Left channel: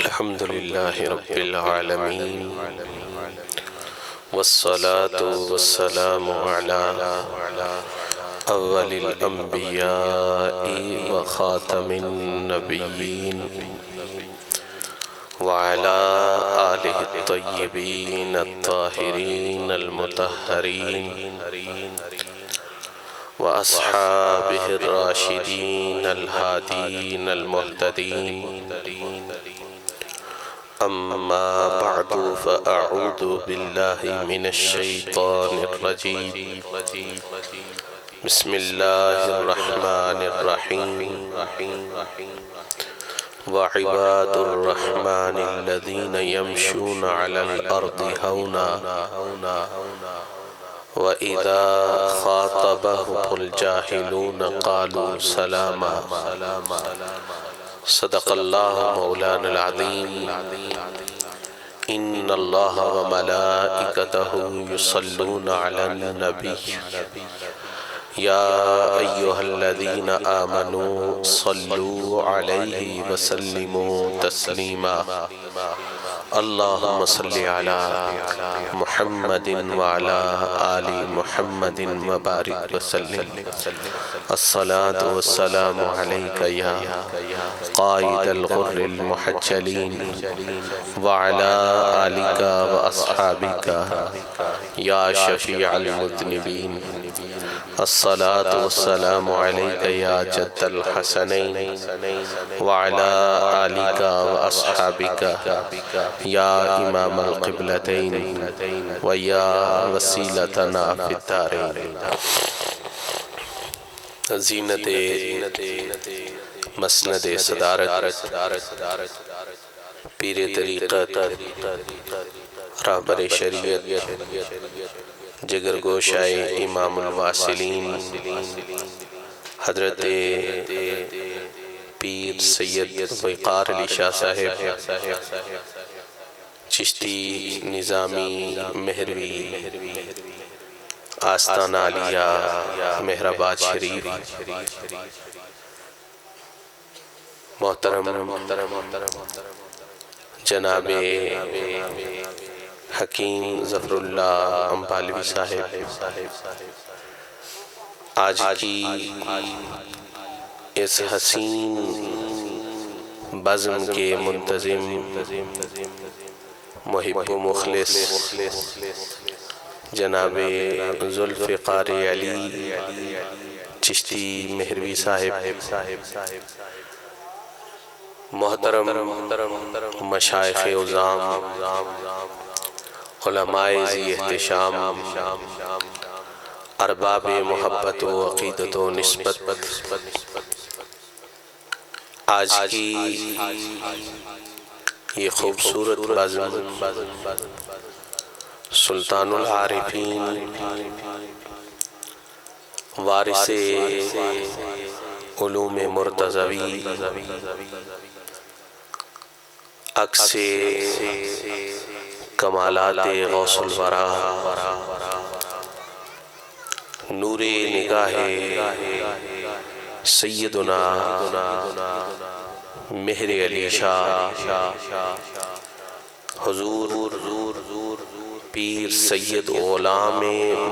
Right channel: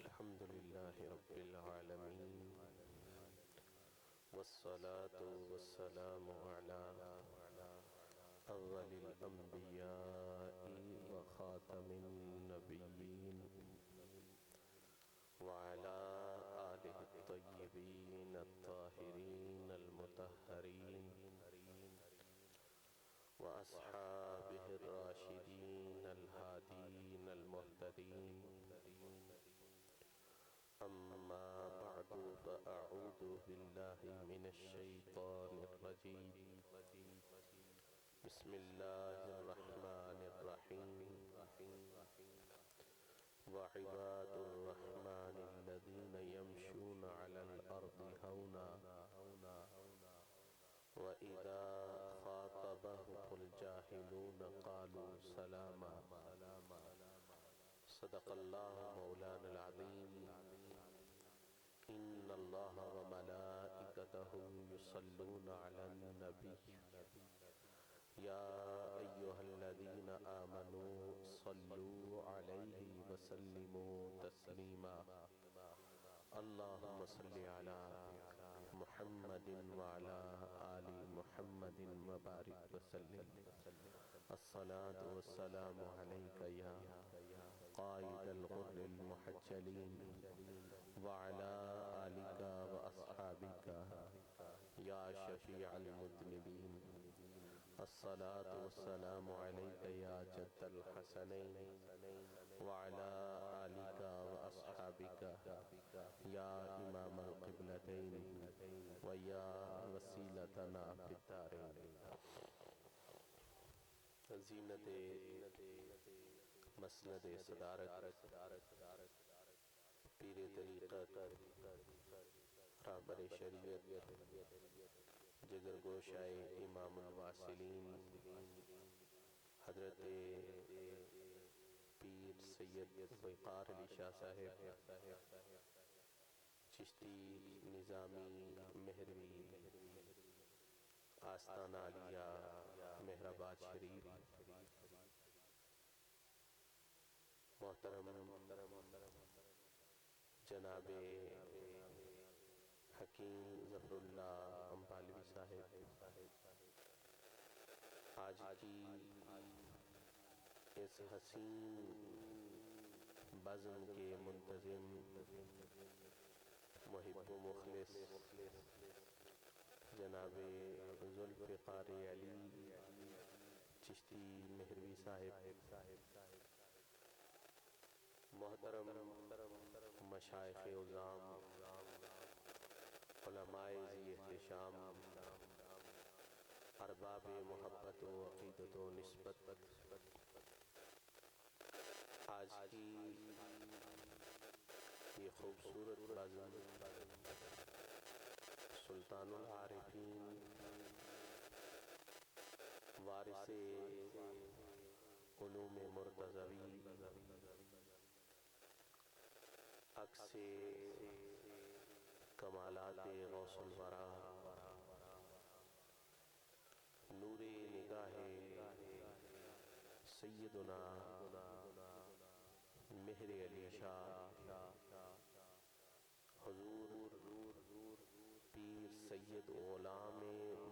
الحمد لله رب العالمين والصلاة والسلام على أول الأنبياء وخاتم النبيين وعلى آله الطيبين الطاهرين المطهرين وأصحابه الراشدين الهادين المهتدين. أما بعد فأعوذ بالله من الشيطان الرجيم. بسم الله الرحمن الرحيم. وعباد الرحمن الذين يمشون على الأرض هونا وإذا خاطبهم الجاهلون قالوا سلاما. صدق الله مولانا العظيم. إن الله وملائكته يصلون على النبي يا أيها الذين آمنوا صلوا عليه وسلموا تسليما. اللهم صل على محمد وعلى آل محمد وبارك وسلم. الصلاة والسلام عليك يا قائد الغر المحجلين وعلى آلك وأصحابك يا شفيع المذنبين. الصلاة والسلام عليك يا جد الحسنين وعلى آلك وأصحابك يا إمام القبلتين ويا وسيلتنا في الدارين. زینت مسند صدارت پیر طریقت رہبر شریعت جگر گوشائے امام الواصلین حضرت پیر سید وقار علی شاہ صاحب چشتی نظامی مہروی آستانہ علیہ مہرآباد شریف، محترم جناب حکیم ظفر اللہ امبالوی صاحب، آج کی اس حسین بزم کے منتظم محب و مخلص جناب ذوالفقار علی چشتی مہروی صاحب، محترم مشائخ عظام، علماء ذی احتشام، ارباب محبت و عقیدت و نسبت، آج کی یہ خوبصورت بزم سلطان العارفین وارث علوم مرتضوی عکس کمالات غوث الورا نور نگاہ سیدنا مہر علی شاہ حضور پیر سید غلام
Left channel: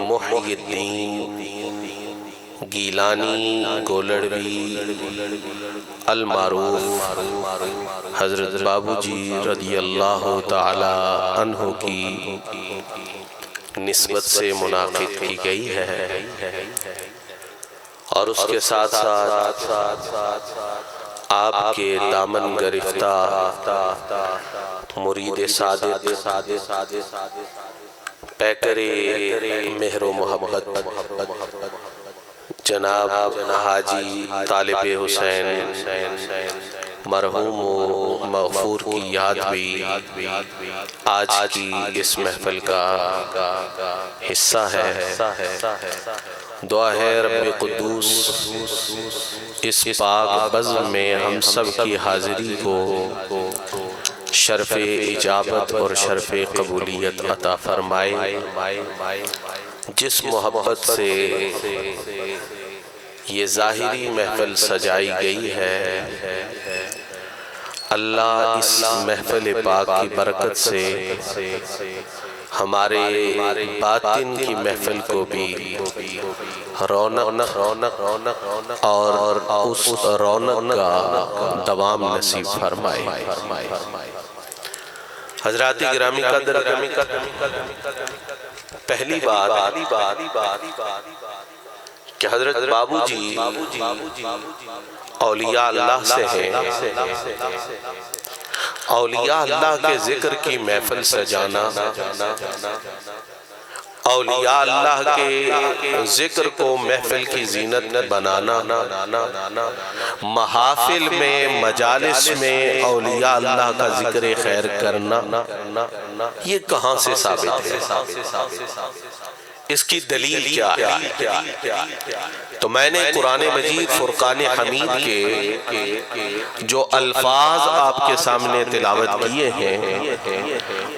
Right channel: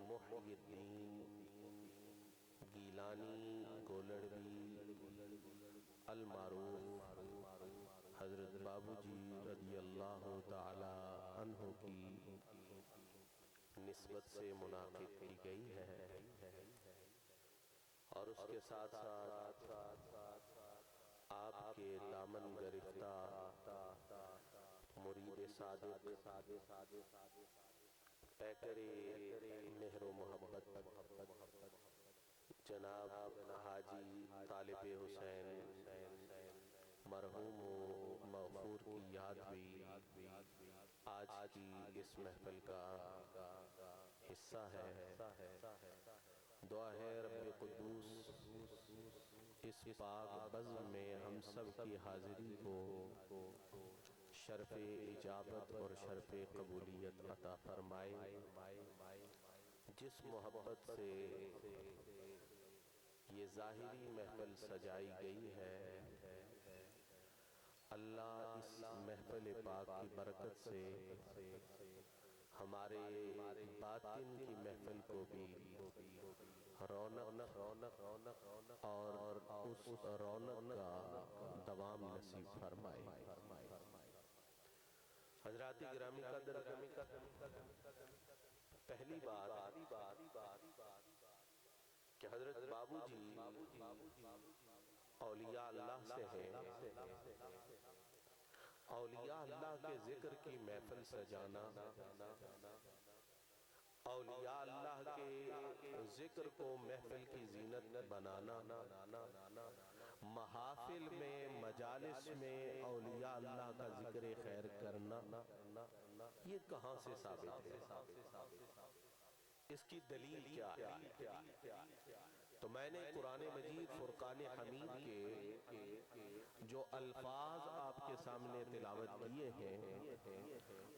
محی الدین گیلانی گولڑوی المعروف حضرت بابو جی رضی اللہ تعالی عنہ کی نسبت سے منعقد کی گئی ہے، اور اس کے ساتھ ساتھ آپ کے دامن گرفتہ مرید صادق پیکر مہر و محبت جناب حاجی طالب حسین مرحوم و مغفور کی یاد بھی آج کی اس محفل کا حصہ ہے۔ دعا ہے رب قدوس اس پاک بزم میں ہم سب کی حاضری کو شرف اجابت اور شرف قبولیت عطا فرمائے۔ جس محبت سے یہ ظاہری محفل سجائی گئی ہے، اللہ اس محفل پاک کی برکت سے ہمارے باطن کی محفل کو بھی رونق اور اس رونق کا دوام نصیب فرمائے۔ حضرات گرامی قدر، پہلی بات کہ حضرت بابو جی اولیاء اللہ سے ہیں۔ اولیاء اللہ کے ذکر کی محفل سجانا، اولیاء اللہ کے ذکر کو محفل کی زینت بنانا، محافل میں مجالس میں اولیاء اللہ کا ذکر خیر کرنا، یہ کہاں سے ثابت ہے؟ اس کی دلیل کیا ہے؟ تو میں نے قرآن مجید فرقان حمید کے جو الفاظ آپ کے سامنے تلاوت کیے ہیں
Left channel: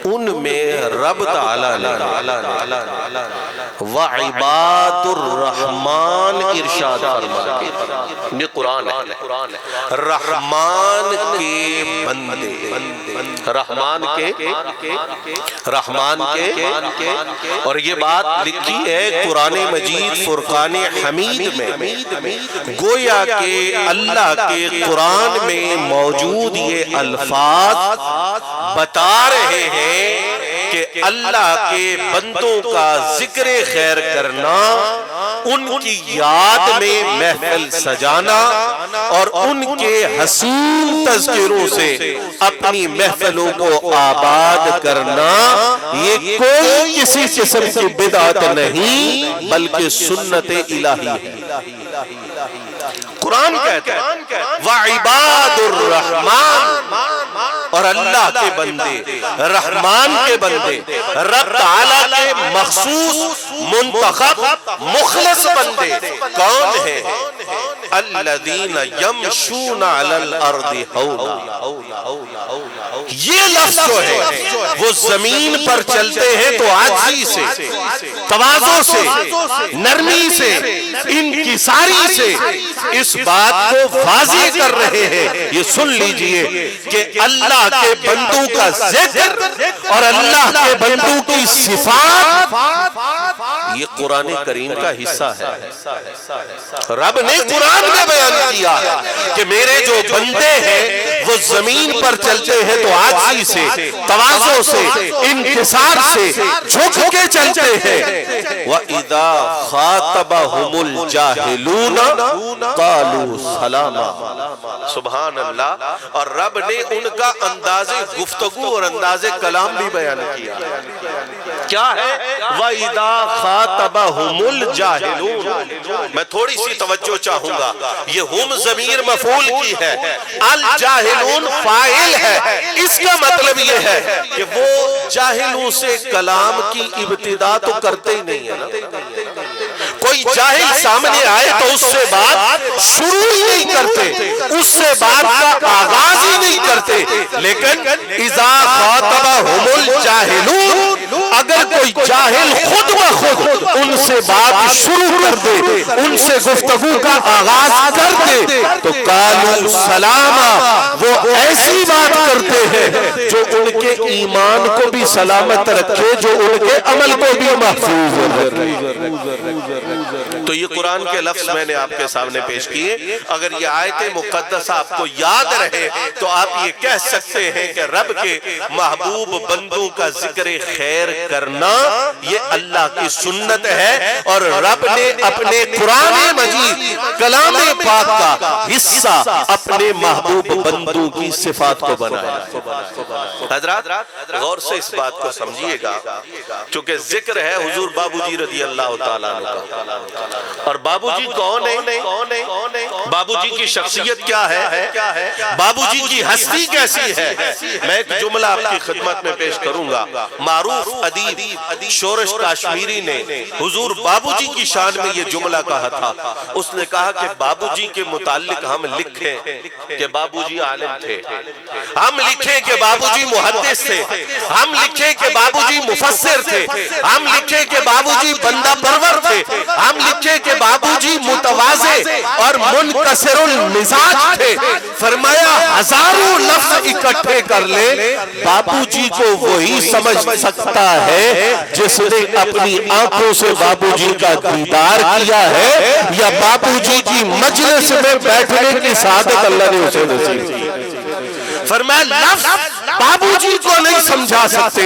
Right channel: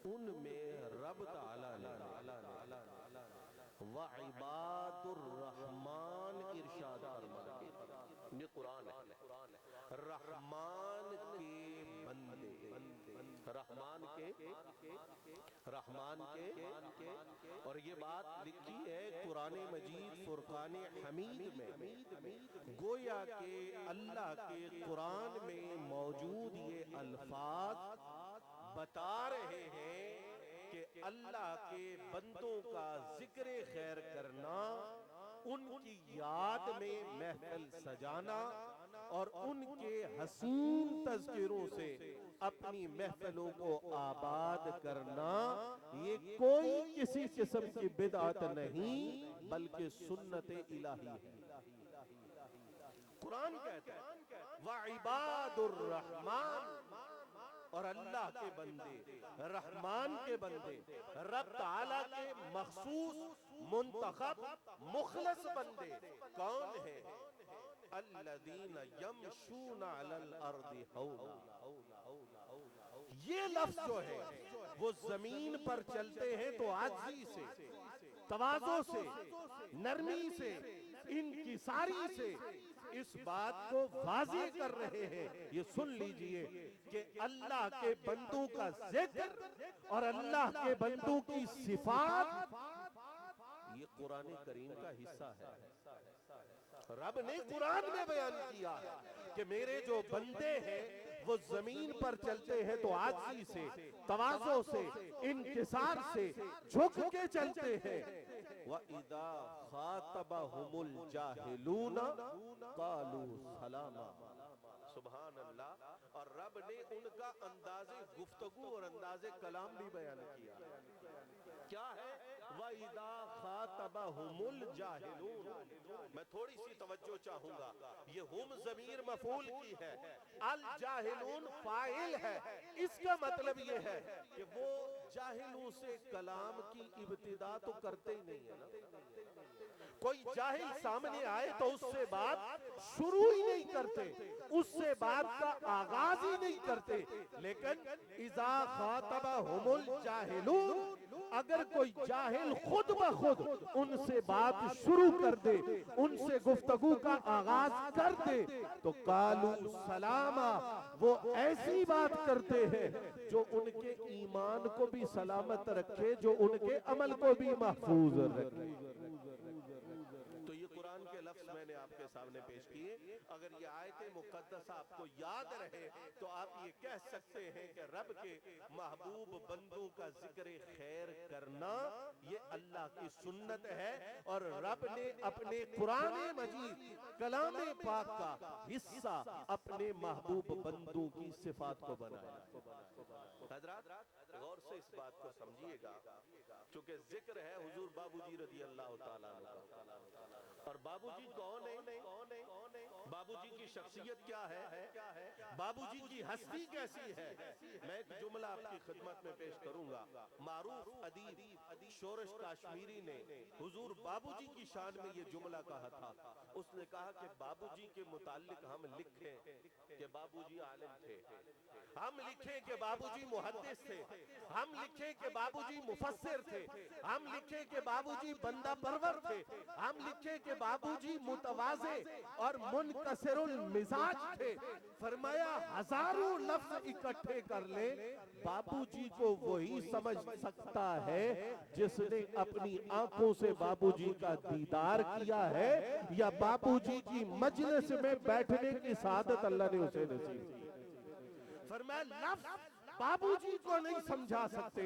ان میں رب تعالیٰ نے وَعِبَادُ الرحمن ارشاد فرمایا، یہ قرآن ہے، رحمان کے بندے، رحمان کے، اور یہ بات لکھی ہے قرآن مجید فرقان حمید میں، گویا کہ اللہ کے قرآن میں موجود یہ الفاظ بتا رہے ہیں کہ اللہ کے بندوں کا ذکر خیر کرنا، ان کی یاد میں محفل سجانا اور ان کے حسین تذکروں سے اپنی محفلوں کو آباد کرنا، یہ کوئی کسی قسم کی بدعت نہیں بلکہ سنت الہی ہے۔ قرآن کہتا ہے وَعِبَادُ الرحمن، اور اللہ کے بندے، رحمان کے بندے، رب تعالیٰ کے مخصوص منتخب مخلص بندے کون ہیں؟ الذین یمشون علی الارض ہونا، یہ لفظ جو ہے وہ زمین پر چلتے ہیں تو عاجزی سے، تواضع سے، نرمی سے، انکساری سے اس بات کو واضح کر رہے ہیں۔ یہ سن لیجئے کہ اللہ کے بندوں کا ذکر اور اللہ کے بندوں کی صفات یہ قرآن کریم کا حصہ ہے۔ رب نے قرآن میں بیان کیا کہ میرے جو بندے ہیں وہ زمین پر چلتے ہیں تو عاجزی سے، تواضع سے، انکسار سے، جھک کے چلتے ہیں۔ وَإِذَا خَاطَبَهُمُ الْجَاهِلُونَ قَالُوا سَلَامًا، سبحان اللہ۔ اور رب نے ان کا انداز گفتگو اور انداز کلام بھی بیان کیا۔ کیا ہے؟ وَإِذَا خَاطَبَهُمُ الْجَاهِلُونَ، میں تھوڑی سی توجہ چاہوں گا، یہ ہم ضمیر مفعول کی ہے، الجاہلون فاعل ہے۔ اس کا مطلب یہ ہے کہ وہ جاہلوں سے کلام کی ابتدا تو کرتے ہی نہیں ہے۔ کوئی جاہل سامنے آئے تو اس سے بات شروع ہی نہیں کرتے، اس سے بات کا آغاز ہی نہیں کرتے۔ لیکن اذا خاطبہم الجاہلون، اگر کوئی جاہل خود بخود ان سے بات شروع کر دے، ان سے گفتگو کا آغاز کر دے تو قالوا سلاما، وہ ایسی بات کرتے ہیں جو ان کے ایمان کو بھی سلامت رکھے، جو ان کے عمل کو بھی محفوظ رکھے۔ تو یہ قرآن کے لفظ میں نے آپ کے سامنے پیش کیے۔ اگر یہ آیت مقدسہ آپ کو یاد رہے تو آپ یہ کہہ سکتے ہیں کہ رب کے محبوب بندوں کا ذکر خیر کرنا یہ اللہ کی سنت ہے، اور رب نے اپنے قرآن مجید کلام پاک کا حصہ اپنے محبوب بندوں کی صفات کو بنایا۔ حضرات غور سے اس بات کو سمجھیے گا، چونکہ ذکر ہے حضور بابو جی رضی اللہ تعالیٰ عنہ کا، اور بابو جی کون ہے؟ بابو جی کی شخصیت کیا ہے؟ بابو جی کی ہستی کیسی ہے؟ میں ایک جملہ آپ کی خدمت میں پیش کروں گا۔ معروف ادیب شورش کاشمیری نے حضور بابو جی کی شان میں یہ جملہ کہا تھا۔ اس نے کہا کہ بابو جی کے متعلق ہم لکھیں کہ بابو جی عالم تھے، ہم لکھیں کہ بابو جی محدث تھے، ہم لکھیں کہ بابو جی مفسر تھے، ہم لکھیں کہ بابو جی بندہ پرور تھے، ہم لکھیں دیکھے کہ بابوجی متواضع اور منکسر المزاج تھے، فرمایا ہزاروں لفظ اکٹھے کر لے، بابوجی کو وہی سمجھ سکتا ہے جس نے اپنی آنکھوں سے بابوجی کا دیدار کیا ہے یا بابوجی کی مجلس میں بیٹھنے کی سعادت اللہ نے اسے نصیب کی۔ فرمایا لفظ بابوجی کو نہیں سمجھا سکتے،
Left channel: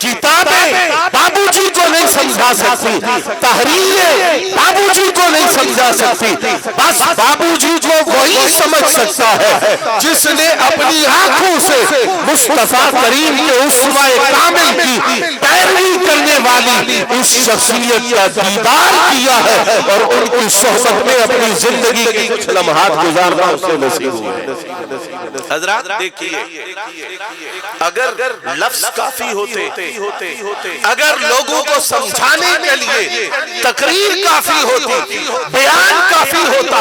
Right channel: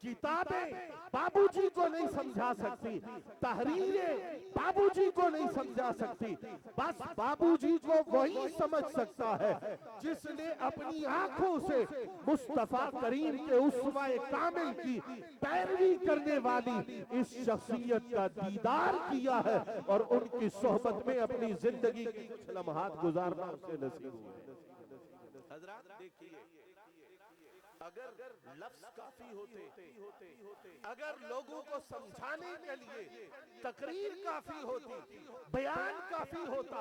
کتابیں بابوجی کو نہیں سمجھا سکتی، تحریریں بابوجی کو نہیں سمجھا سکتی، بس بابوجی کو وہی سمجھ سکتا ہے جس نے اپنی آنکھوں سے مصطفیٰ کریم کے اسوہ کامل کی پیروی کرنے والی اس شخصیت کا دیدار کیا ہے اور ان کی صحبت میں اپنی زندگی کی کچھ لمحات گزارنا اسے نصیب ہوئے۔ حضرات دیکھیے، اگر لفظ کافی ہوتے، اگر لوگوں کو سمجھانے کے لیے تقریر کافی ہوتی، بیان کافی ہوتا،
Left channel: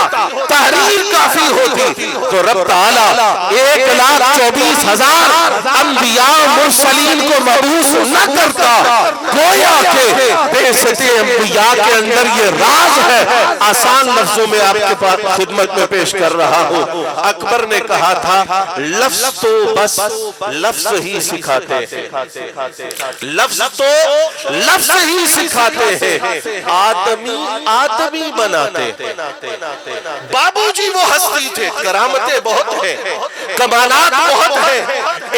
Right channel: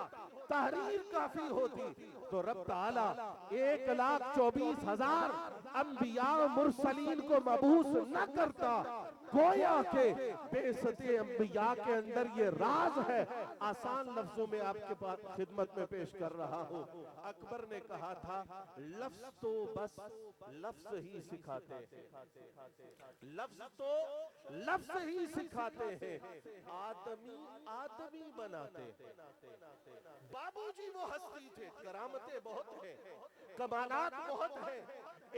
تحریر کافی ہوتی، تو رب تعالیٰ 1,24,000 انبیاء مرسلین کو مبعوث نہ کرتا۔ گویا کہ بعثت انبیاء کے اندر یہ راز ہے۔ آسان لفظوں میں آپ کے پاس خدمت میں پیش کر رہا ہوں۔ اکبر نے کہا تھا لفظ تو بس لفظ ہی سکھاتے ہیں، لفظ تو لفظ ہی سکھاتے ہیں، آدمی بناتے ہیں۔ بابوجی وہ ہستی تھے، کرامتیں بہت ہیں، کمالات بہت ہیں،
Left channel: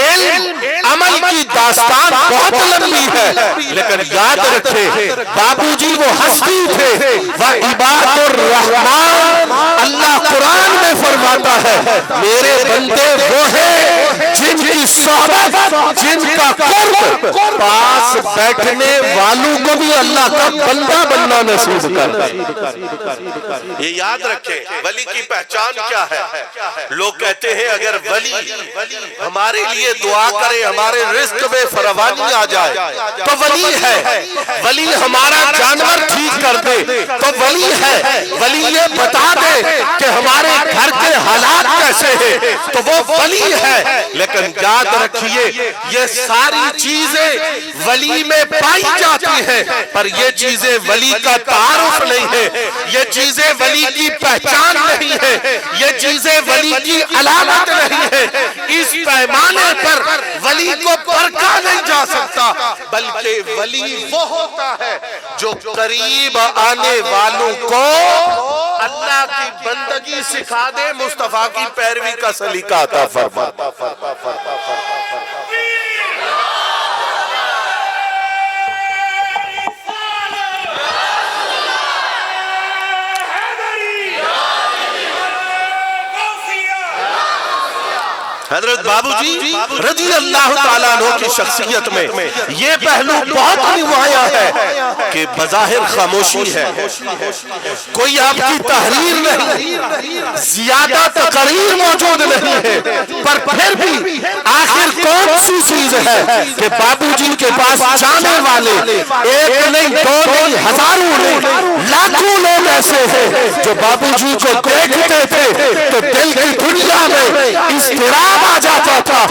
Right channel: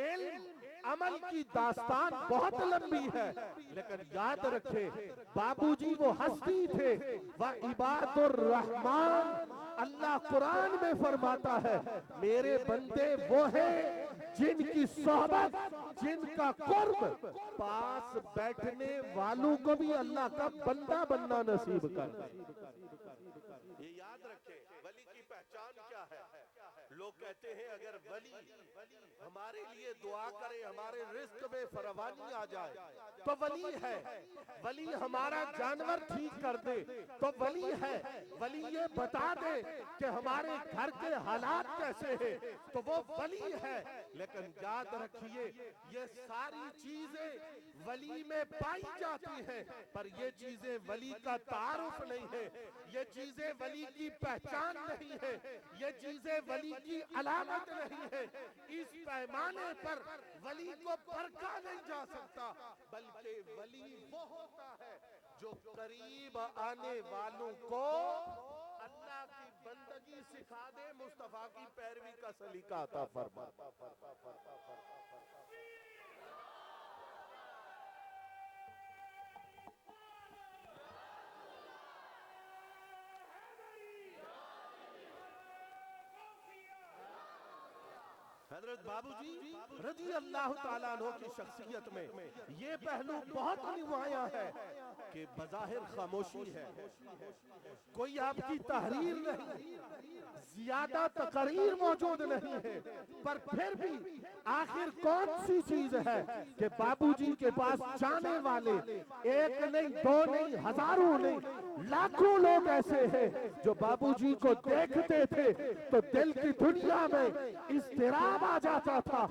علم عمل کی داستان بہت لمبی ہے، لیکن یاد رکھے بابوجی وہ ہستی تھے۔ وَعِبَادُ الرحمن، اللہ قرآن میں فرماتا ہے میرے بندے وہ ہیں جن کی صحبت، جن کا قرب، پاس بیٹھنے والوں کو بھی اللہ کا بندہ بننا نصیب کرتا ہے۔ یہ یاد رکھیں ولی کی پہچان کیا ہے۔ لوگ کہتے ہیں اگر ولی ہمارے لیے دعا کرے، ہمارے رزق میں فراوانی آ جائے تو ولی ہے، ولی ہمارا جانور ٹھیک کر دے تو ولی ہے، ولی یہ بتا دے کہ ہمارے گھر کے حالات کیسے ہیں تو وہ ولی ہے۔ لیکن یاد رکھیے یہ ساری چیزیں ولی میں پائی جاتی ہیں، پر یہ چیزیں ولی کا تعارف نہیں ہے، یہ چیزیں ولی کی پہچان نہیں ہے، یہ چیزیں ولی کی علامت نہیں ہے۔ اس پیمانے پر ولی کو پرکھا نہیں جا سکتا، بلکہ ولی وہ ہوتا ہے جو قریب آنے والوں کو اللہ کی بندگی سکھا دے، مصطفیٰ کی پیروی کا سلیقہ عطا فرما۔ حضرت بابوجی رضی اللہ تعالیٰ عنہ کی شخصیت میں یہ پہلو بہت نمایاں ہے کہ بظاہر خاموشی ہے، کوئی آپ کی تحریر نہیں، زیادہ تقریر موجود نہیں ہے، پر پھر بھی آخر کون سی چیز ہے کہ بابوجی کے پاس جانے والے ایک نہیں، دو نہیں، ہزاروں نہیں، لاکھوں لوگ ایسے ہیں جو بابوجی کو دیکھتے تھے تو دل کی دنیا میں اضطراب آ جاتا تھا،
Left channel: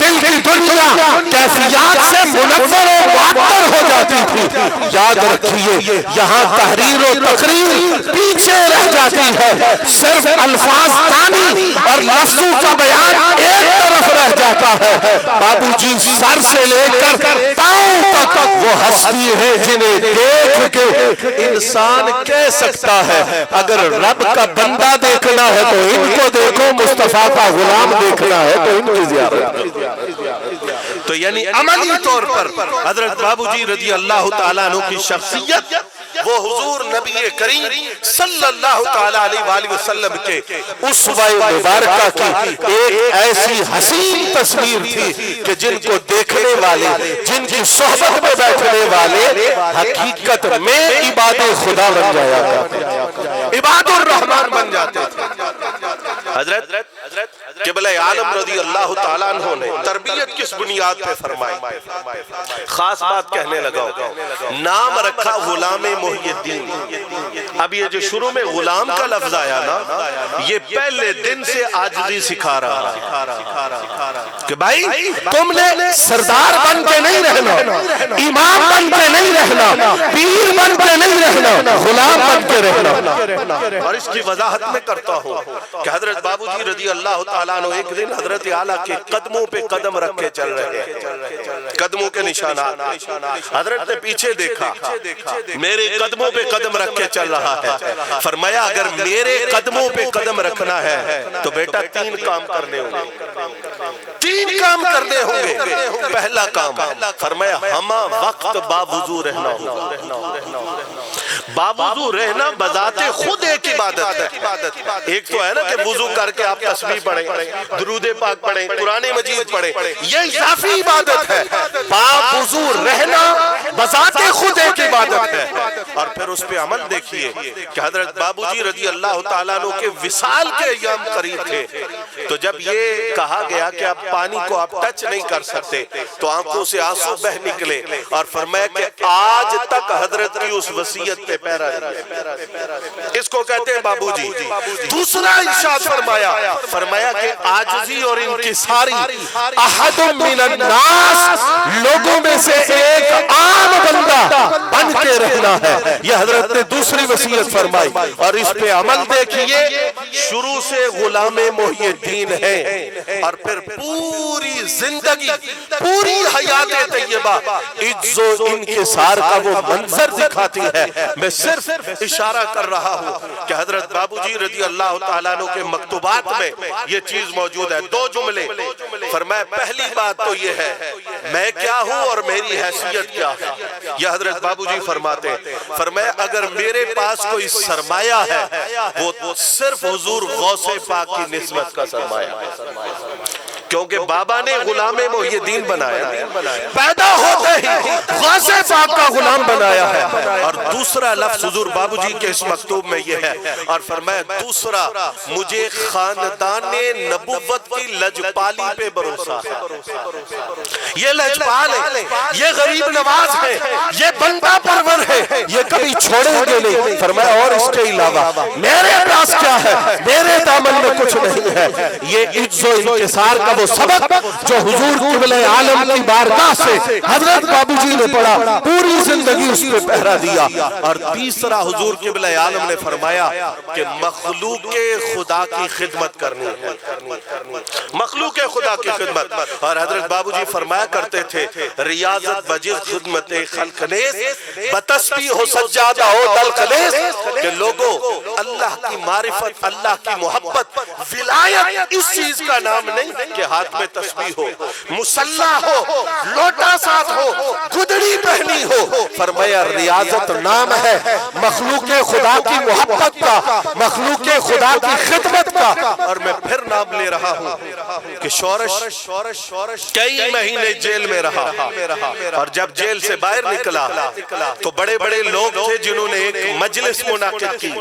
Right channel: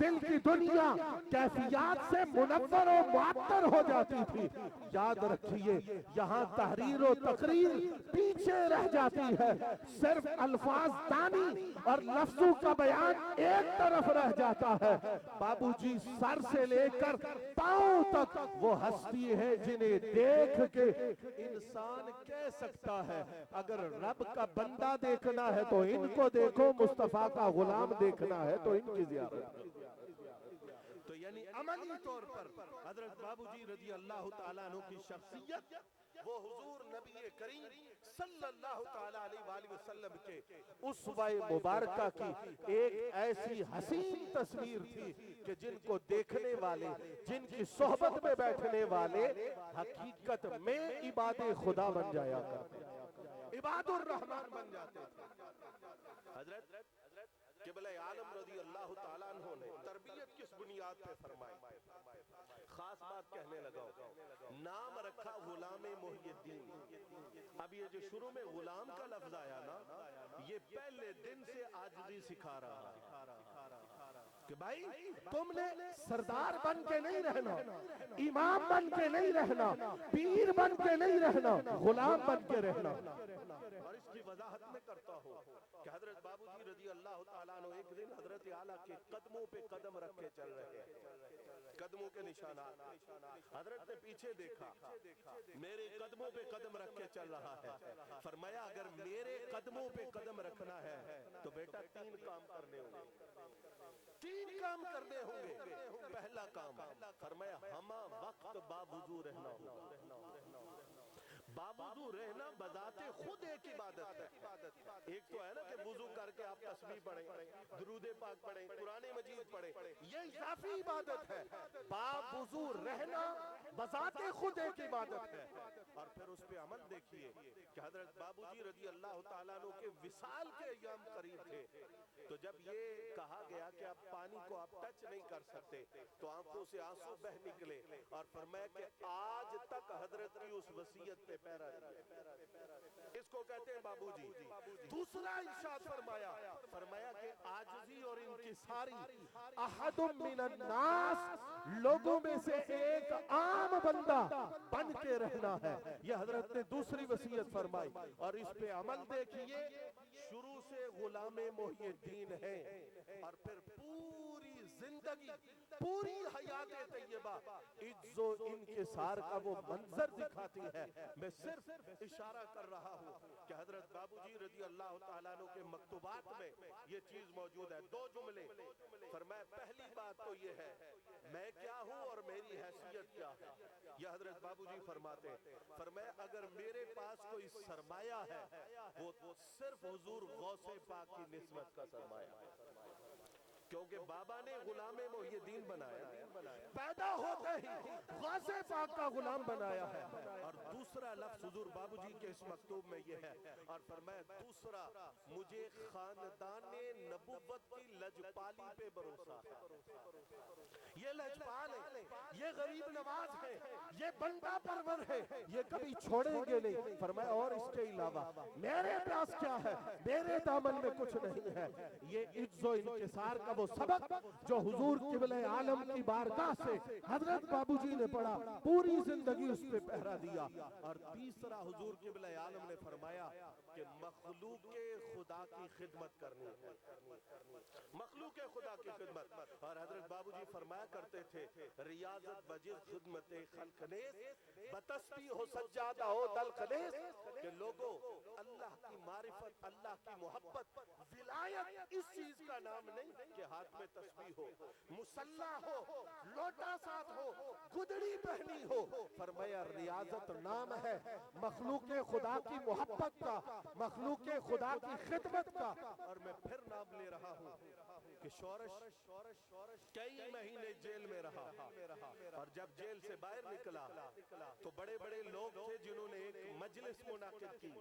دل کی دنیا کیفیات سے منور و معطر ہو جاتی تھی۔ یاد رکھیے یہاں تحریر و تقریر پیچھے رہ جاتی ہے، صرف الفاظ دانی اور لفظوں کا بیان ایک طرف رہ جاتا ہے۔ بابوجی سر سے لے کر پاؤں تک وہ ہستی ہے جنہیں دیکھ کے انسان کہہ سکتا ہے اگر رب کا بندہ دیکھنا ہے تو ان کو دیکھو، مصطفیٰ کا غلام دیکھنا ہے تو ان کی زیارت۔ تو یعنی عملی طور پر حضرت بابوجی رضی اللہ تعالیٰ عنہ کی شخصیت وہ حضور نبی کریم صلی اللہ تعالیٰ علیہ وآلہ وسلم کے اسوہ مبارکہ کی ایک ایسی حسین تصویر تھی کہ جن کو دیکھنے والے، جن کی صحبت میں بیٹھنے والے حقیقت میں عباد خدا بن جایا کرتے، عباد الرحمن بن جاتے تھے۔ حضرت قبلہ عالم رضی اللہ تعالیٰ عنہ نے تربیت کس بنیاد پہ فرمائی؟ خاص بات کہنے لگا، نام رکھا غلام محی الدین۔ اب یہ جو شروع میں غلام کا لفظ آیا نا، یہ پہلے دن سے عاجزی سکھا رہا کہ کہ بھائی تم نے سردار بن کے نہیں رہنا، امام بن کے نہیں رہنا، پیر بن کے نہیں رہنا، غلام بن کے رہنا۔ اور اس کی وضاحت میں کرتا ہوں کہ حضرت بابو جی رضی اللہ تعالیٰ عنہ ایک دن حضرت اعلیٰ کے قدموں پہ قدم رکھ کے چل رہے ہیں، قدموں کے نشانات، حضرت نے پیچھے دیکھا، میرے قدموں پہ قدم رکھ کے چل رہا ہے۔ فرمایا اگر میرے قدموں پہ قدم رکھنا ہے تو بیٹا 3 کام کرنے ہوں گے، 3 کام کرنے ہوں گے۔ پہلا کام فرمایا ہمہ وقت باوضو رہنا ہوگا۔ باوضو رہنا بذات خود ایک عبادت ہے۔ ایک تو ہے نا کہ وضو کر کے آپ تسبیح پڑھیں، درود پاک پڑھیں، قرآن مجید پڑھیں، یہ اضافی عبادت ہے۔ باوضو رہنا بذات خود ایک عبادت ہے۔ اور پھر اس پہ عمل دیکھیے کہ حضرت بابو جی رضی اللہ تعالیٰ عنہ کے وصال کے ایام قریب تھے، تو جب یہ کہا گیا کہ اب پانی کو آپ ٹچ نہیں کر سکتے تو آنکھوں سے آنسو بہ نکلے، اور فرمایا کہ آج تک حضرت کی اس وصیت پہ پیرا دیا۔ اس کو کہتے ہیں بابو جی۔ دوسرا ارشاد فرمایا کہ عاجزی اور انکساری، احد من الناس، لوگوں میں سے ایک عام بندہ بن کے رہنا ہے، یہ حضرت نے دوسری وصیت فرمائی۔ اور اس پہ عمل دیکھیے، شروع سے غلام محی الدین ہے، اور پھر پوری زندگی، پوری حیات طیبہ عجز و انکسار کا وہ منظر دکھاتی ہے۔ میں صرف اشارہ کر رہا ہوں کہ حضرت بابو جی رضی اللہ تعالیٰ عنہ کے مکتوبات میں یہ چیز موجود ہے۔ 2 جملے فرمایا، پہلی بات تو یہ ہے میں کیا ہوں اور میری حیثیت کیا ہے۔ یہ حضرت بابو جی فرماتے ہیں، فرمایا اگر میرے پاس کوئی سرمایہ ہے وہ صرف حضور غوث پاک کی نسبت کا سرمایہ ہے، کیونکہ بابا نے غلام محی الدین بنایا، پیدا ہوتے ہی غوث پاک کا غلام بنایا ہے۔ اور دوسرا لفظ حضور بابو جی کے اس مکتوب میں یہ ہے، اور فرمایا دوسرا مجھے خاندان نبوت کی لجپالی پہ بھروسہ ہے۔ یہ لجپال ہے، یہ غریب نواز ہے، یہ بندہ پرور ہے، یہ کبھی چھوڑیں گے نہیں۔ فرمایا اور اس کے علاوہ میرے پاس کیا ہے، میرے دامن میں کچھ نہیں ہے۔ یہ عجز و انکسار کا وہ سبق جو حضور قبلہ عالم کی بارگاہ سے حضرت بابو جی نے پڑھا، پوری زندگی اس پہ پہرا دیا۔ اور تیسرا حضور قبلہ عالم نے فرمایا کہ مخلوق خدا کی خدمت کرنی ہے، مخلوق خدا کی خدمت۔ اور حضرت بابو جی فرمایا کرتے تھے، ریاضت بجز خدمت خلق نیز، بتسبیح ہو سجادہ ہو دلق نیز، کہ لوگوں اللہ کی معرفت، اللہ کی محبت، ولایت اس چیز کا نام نہیں کہ ہاتھ میں تسبیح ہو، مصلی ہو، لوٹا ساتھ ہو، گدڑی پہنی ہو۔ فرمایا ریاضت نام ہے مخلوق خدا کی محبت کا، مخلوق خدا کی خدمت کا۔ اور میں پھر نام لے رہا ہوں کہ شورش کئی مہینے جیل میں رہا، اور جب جیل سے باہر نکلا تو بڑے بڑے لوگ تھے جنہوں نے ایک مجلس منعقد کی،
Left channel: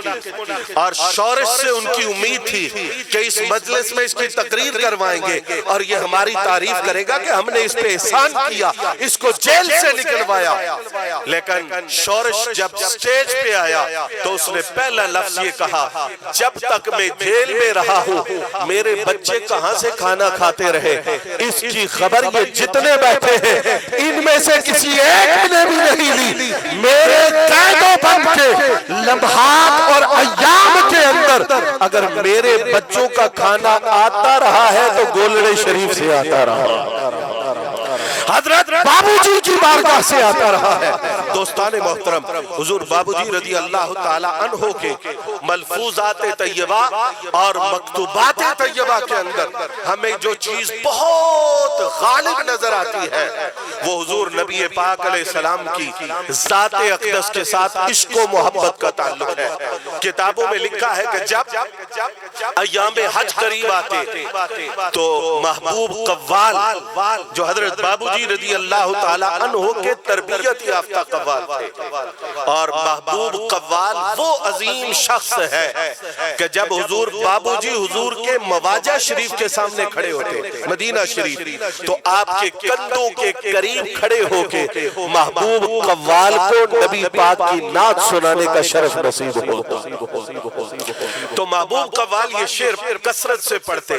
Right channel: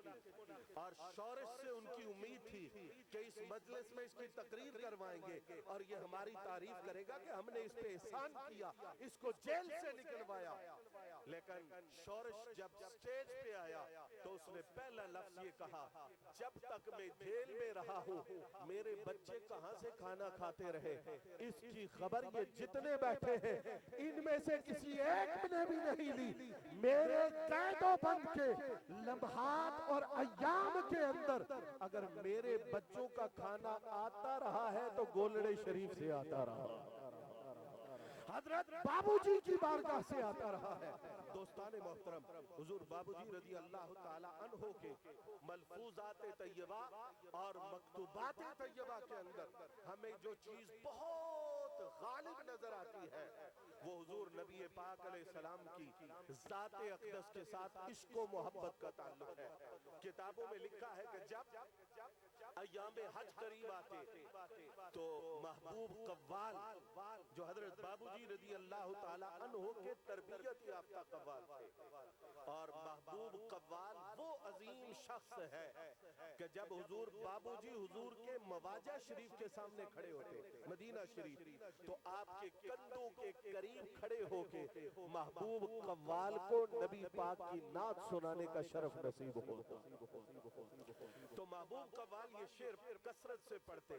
اور شورش سے ان کی امید تھی کہ اس مجلس میں اس کی تقریر کروائیں گے اور یہ ہماری تعریف کرے گا کہ ہم نے اس پہ احسان کیا، اس کو جیل سے نکلوایا۔ لیکن شورش جب سٹیج پہ آیا تو اس نے پہلا لفظ یہ کہا، جب تک میں جیل میں رہا ہوں میرے بچے کہاں سے کھانا کھاتے رہے، اس کی خبر یہ جتنے بیٹھے ہیں ان میں سے کسی ایک نے بھی نہیں لی۔ میرے قید و بند کے لمحات اور ایام کے اندر اگر میرے بچوں کا کھانا آتا رہا ہے تو گولڑے شریف سے آتا رہا، حضرت بابو جی کی بارگاہ سے آتا رہا ہے۔ دوستان محترم، حضور بابو جی رضی اللہ تعالی عنہ کے ملفوظات طیبہ اور مکتوبات طیبہ کے اندر ہمیں جو چیز بہت غالب نظر آتی ہے وہ حضور نبی پاک علیہ السلام کی ذات اقدس کے ساتھ عشق و محبت کا تعلق ہے۔ کتابوں میں لکھا ہے کہ جب ایام حج قریب آتے تو محبوب قوال جو حضرت بابو جی رضی اللہ تعالی عنہ کے تربیت یافتہ قوال تھے، اور محبوب قوال وہ عظیم شخص ہے کہ جب حضور بابو جی حضور کے مواجہ شریف کے سامنے کھڑے ہوتے مدینہ شریف تو تو آپ کے کندھوں کے قریب کھڑے ہو کے محبوب قوال کو نبی پاک کی نعت سنانے کا شرف نصیب ہوتا. تو محبوب قوال یہ شعر کثرت سے پڑھتے.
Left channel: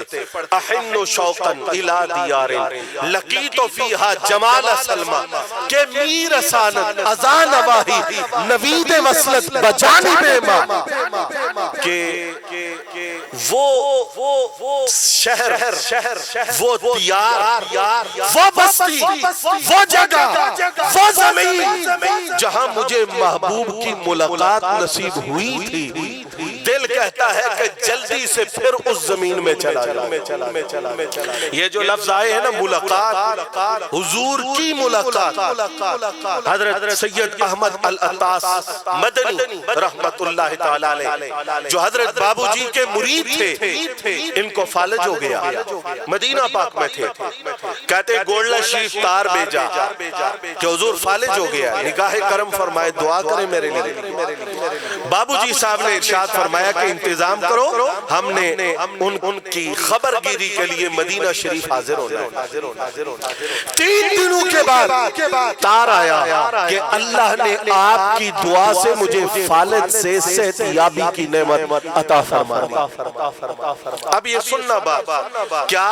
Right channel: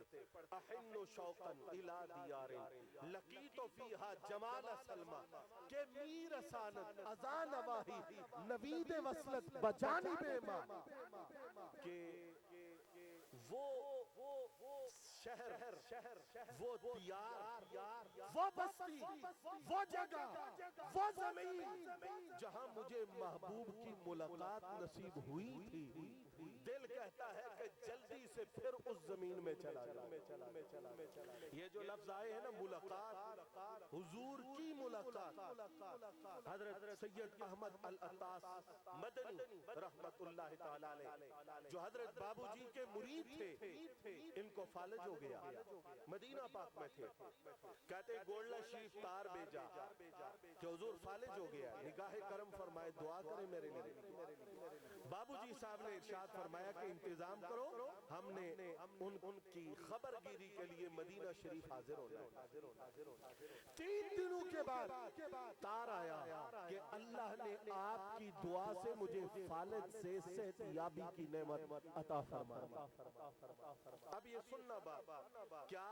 احن شوقا الى دیار لقیت فیہا جمال سلمہ کہ میر رسانت ازان واہی نوید وصلت بجانب ماں کہ وہ شہر وہ دیار وہ بستی وہ جگہ وہ زمین جہاں مجھے محبوب کی ملاقات نصیب ہوئی تھی دل کہتا ہے کہ جلدی سے پھر اس زمین میں چلا جاؤں. یہ جو لفظ آئے ہیں نا ملاقات حضور کی ملاقات حضرت سید احمد العطاس مدنی رحمت اللہ تعالی علیہ جو حضرت بابو جی کے مرید تھے ان کو فالج ہو گیا مدینہ پاک میں تھے کہتے گولڈا شریف تار بھیجا کہ حضور فالج ہو گیا نگاہ کرم فرمائے دعا کریں میرے لیے. بابو جی صاحب نے ارشاد فرمایا کہ انتظام کرو ہم نے ان کی خبر گیری کے لیے مدینہ شریف حاضر ہونا ہے. 3 دنوں کے بعد تار آیا کہ اللہ نے آپ کی دعا سے مجھے فالج سے صحت یابی کی نعمت عطا فرما دی. اب یہ سننا بات کیا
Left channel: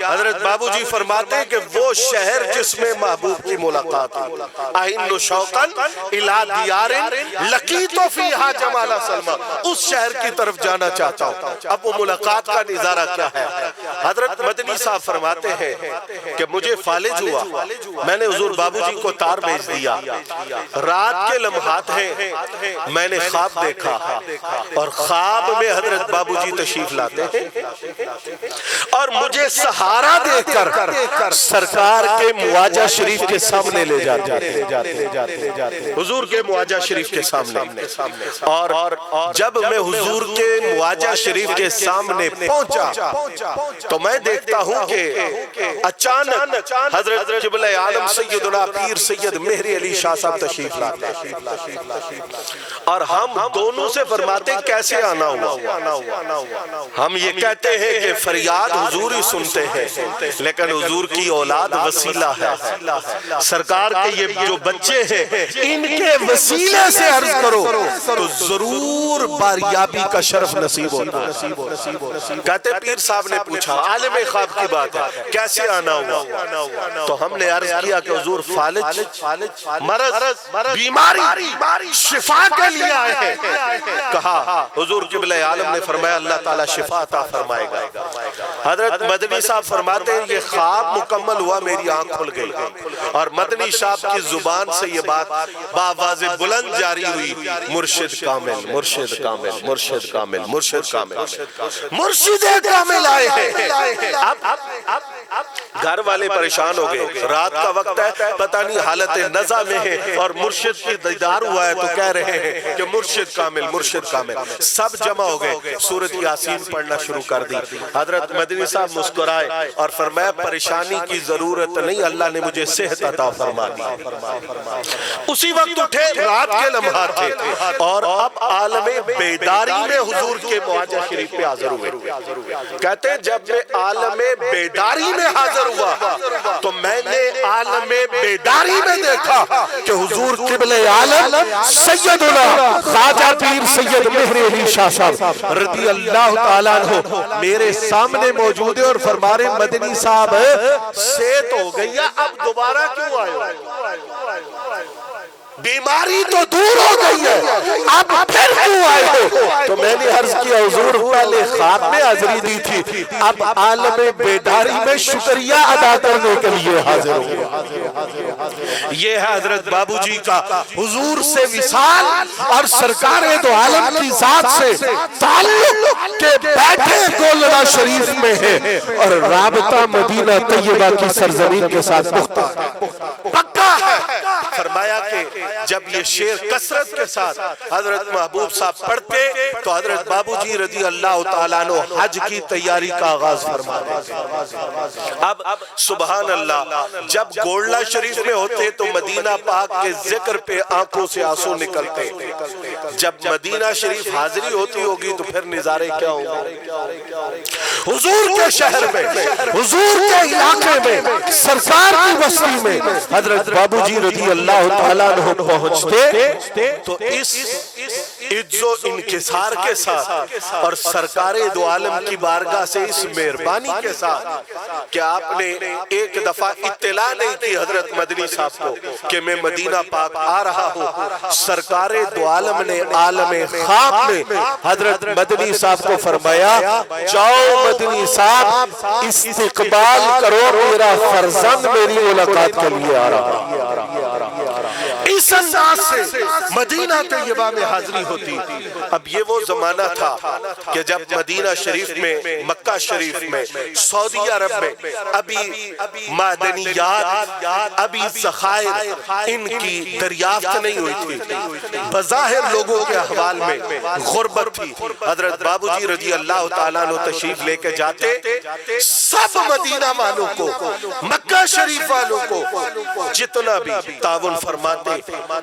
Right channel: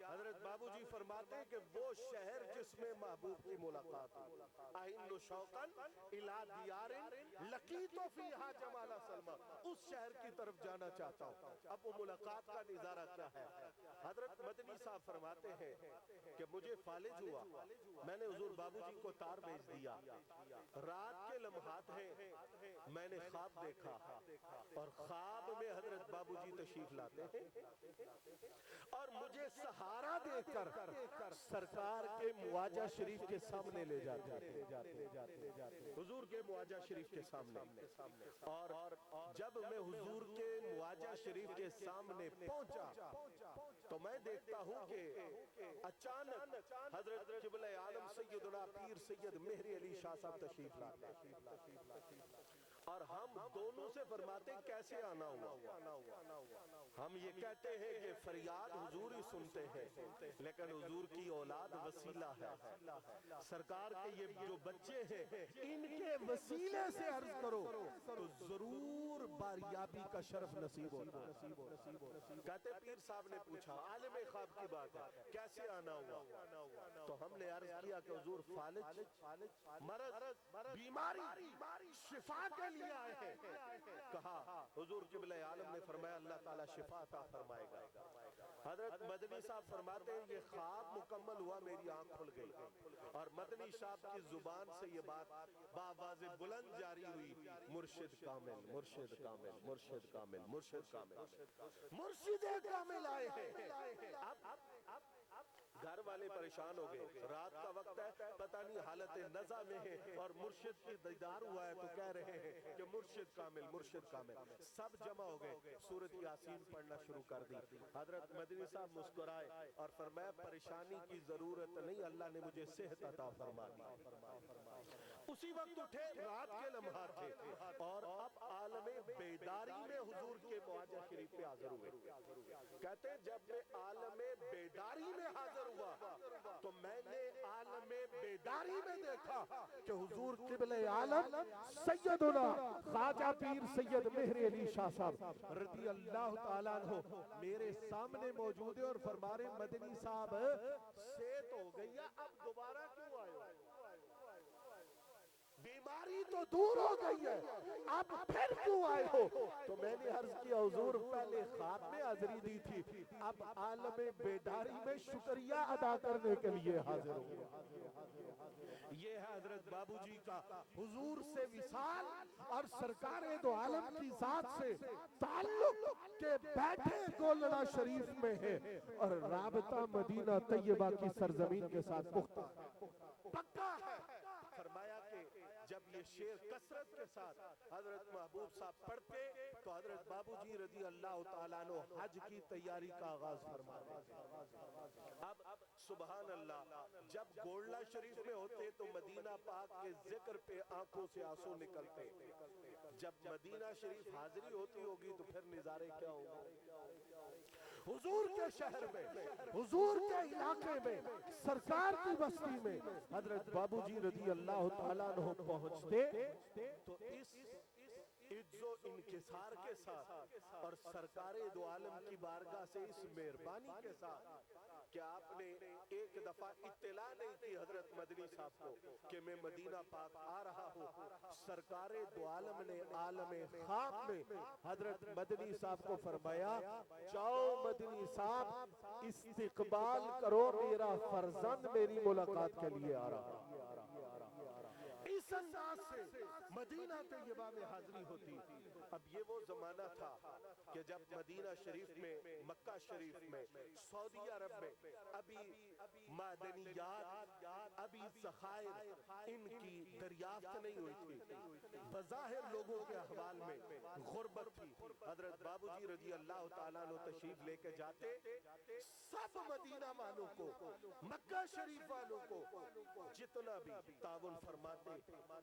حضرت بابو جی فرماتے ہیں کہ وہ شہر جس میں محبوب کی ملاقات ہے احن شوقا الی دیار لقیت فیہا جمال سلمہ اس شہر کی طرف جانا چاہتا ہوں. اب وہ ملاقات کا نظارہ کیا ہے. حضرت مدنی صاحب فرماتے ہیں کہ مجھے فالج ہوا میں نے حضور بابو جی کو تار بھیج دیا رات کے لمحات ہیں میں نے خواب دیکھا اور خواب میں حضرت بابو جی تشریف لاتے ہیں اور مجھے سہارا دے کر سرکار کے مواجہ شریف کے سامنے لے جاتے حضور کے مواجہ شریف کے سامنے. اور جب میں حضور کے مواجہ شریف کے سامنے پہنچا تو میں دیکھتا ہوں کہ اچانک حضرت قبلہ عالم سیدنا پیر سید مہری علی شاہ صاحب تشریف لاتے اور ہم دونوں سے فرماتے کیسے آنا ہوا. ہم یہ کہتے ہیں کہ فریاد حضور ہی سنتے ہیں لیکن حضور کی اولاد وسیلہ ہے سرکار کے یہ جو بچے ہیں ان کے وسیلے سے عرض کرو تو ضرور باریابی کا شرف نصیب ہوتا ہے. کہتے پیر صاحب نے پوچھا عالم خواب کی بات ہے کیسے آنا ہوا تو ہم نے عرض کیا کہ حضور فالج مرض بیماری شفا کے لیے آئے ہیں. کہا حضور قبلہ عالم نے فرمایا اللہ تعالیٰ شفا عطا فرمائے گا. حضرت مدنی صاحب فرماتے ہیں یہ خواب مکمل ہوا میری آنکھ کھل گئی اور مدنی صاحب کی زبان سے یہ بات بآواز بلند جاری ہوئی مرشد کامل مرشد کامل مرشد کامل مرشد کامل مرشد کامل آئے ہیں. اب گھر والے پریشان ہو گئے رات کا وقت ہے پتہ نہیں حالت نزع میں ہے اور مرشد کی دیدار ہوا ہے تو کہہ رہے ہیں کہ مرشد کامل مرشد کامل. سب جمع ہو گئے سورۃ یاسین پڑھنا شروع کر دی. حضرت مدنی صاحب مسکرائے اور فرمایا پریشانی کی ضرورت نہیں اللہ نے مجھے صحت عطا فرما دی. اسی وقت اٹھے رات کے لمحات تھے اور اب عالم بیداری میں حضور کے مواجہ شریف پہ حاضر ہوئے. کہتے ہیں جب میں عالم بیداری میں حاضر ہوا تو میں نے عالم بیداری میں دیکھا کہ حضور قبلہ عالم سیدنا خواجہ پیر سید مہری علی شاہ صاحب رضی اللہ تعالیٰ عنہ میرے سامنے موجود ہے اور فرما رہے مدنی صاحب صحت ہو گئی ہے اب دوبارہ کیوں آئے بیماری تو دور ہو گئی ہے اب پھر کیوں آئے ہو. تو میں نے عرض کیا حضور پہلے خواب میں حاضری دی تھی اب عالم بیداری میں شکریہ ادا کرنے کے لیے حاضر ہوں. یہ ہے حضرت بابو جی کا حضور سے وصال اور سرکار دو عالم کی ذات سے تعلق کے بیٹھے گولڑا شریف میں ہے اور رابطہ مدینہ طیبہ کی سرزمین کے ساتھ پختہ پکا ہے. فرمایا کہ جب یہ شعر کثرت کے ساتھ حضرت محبوب صاحب پڑھتے تو حضرت بابو جی رضی اللہ تعالیٰ عنہ حج کی تیاری کا آغاز فرما دیتے۔ اب سبحان اللہ، جب گولڈا شریف میں ہوتے تو مدینہ پاک کے ذکر پہ آنکھوں سے آنسو نکلتے، جب مدینہ شریف حاضری ہوتی ہوگی تو پھر نظارے کیا ہوں گے؟ حضور کے شہر میں، حضور کے علاقے میں، سرکار کی بستی میں حضرت بابو جی رضی اللہ تعالیٰ عنہ پہنچتے تو اس عجز و انکسار کے ساتھ اور سرکار دو عالم کی بارگاہ سے اس مہربانی کے ساتھ کہ آپ نے ایک دفعہ اطلاع نہیں کی حضرت مدنی صاحب کو کہ میں مدینہ پاک آ رہا ہوں، سرکار دو عالم نے عالم خواب میں حضرت مدنی صاحب کو فرمایا جاؤ مدنی صاحب استقبال کرو، میرا فرزند میری ملاقات کے لیے آ رہا ہے۔ اس انداز سے مدینہ طیبہ میں حاضری ہوتی۔ اب یہ وہ زمانہ تھا کہ جب مدینہ شریف میں، مکہ شریف میں، سعودی عرب میں ابھی معدنیات، ابھی ذخائر ان کی دریافت نہیں ہوئی تھی، بظاہر لوگوں کے احوال میں غربت تھی۔ حضرت بابو جی رضی اللہ تعالیٰ عنہ تشریف لے کے جاتے، سب مدینہ والوں کو، مکہ شریف والوں کو جتنا بھی تعاون فرماتے،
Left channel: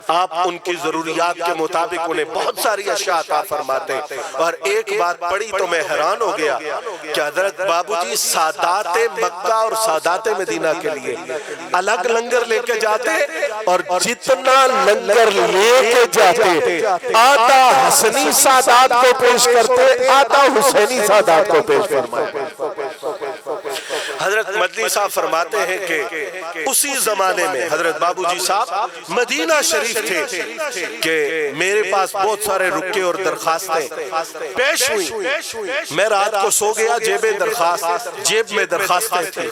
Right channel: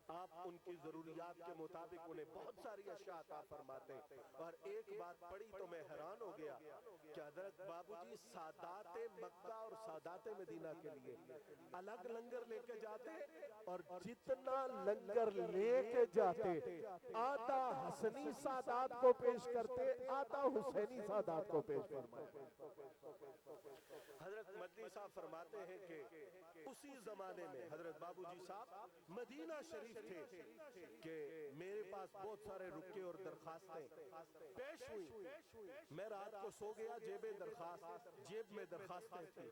آپ ان کی ضروریات کے مطابق انہیں بہت ساری اشیاء عطا فرماتے۔ اور ایک بات پڑھی تو میں حیران ہو گیا کہ حضرت بابو جی سادات مکہ اور سادات مدینہ کے لیے الگ لنگر لے کے جاتے، اور جتنا لنگر لے کے جاتے آدھا حسنی سادات کو پیش کرتے، آدھا حسینی سادات کو پیش فرماتے۔ حضرت مدنی صاحب فرماتے ہیں کہ اسی زمانے میں حضرت بابو جی صاحب مدینہ شریف تھے کہ میرے پاس بہت سارے رکے اور درخواستیں پیش ہوئی، میں رات کو سو گیا، جیب میں درخواستیں تھی۔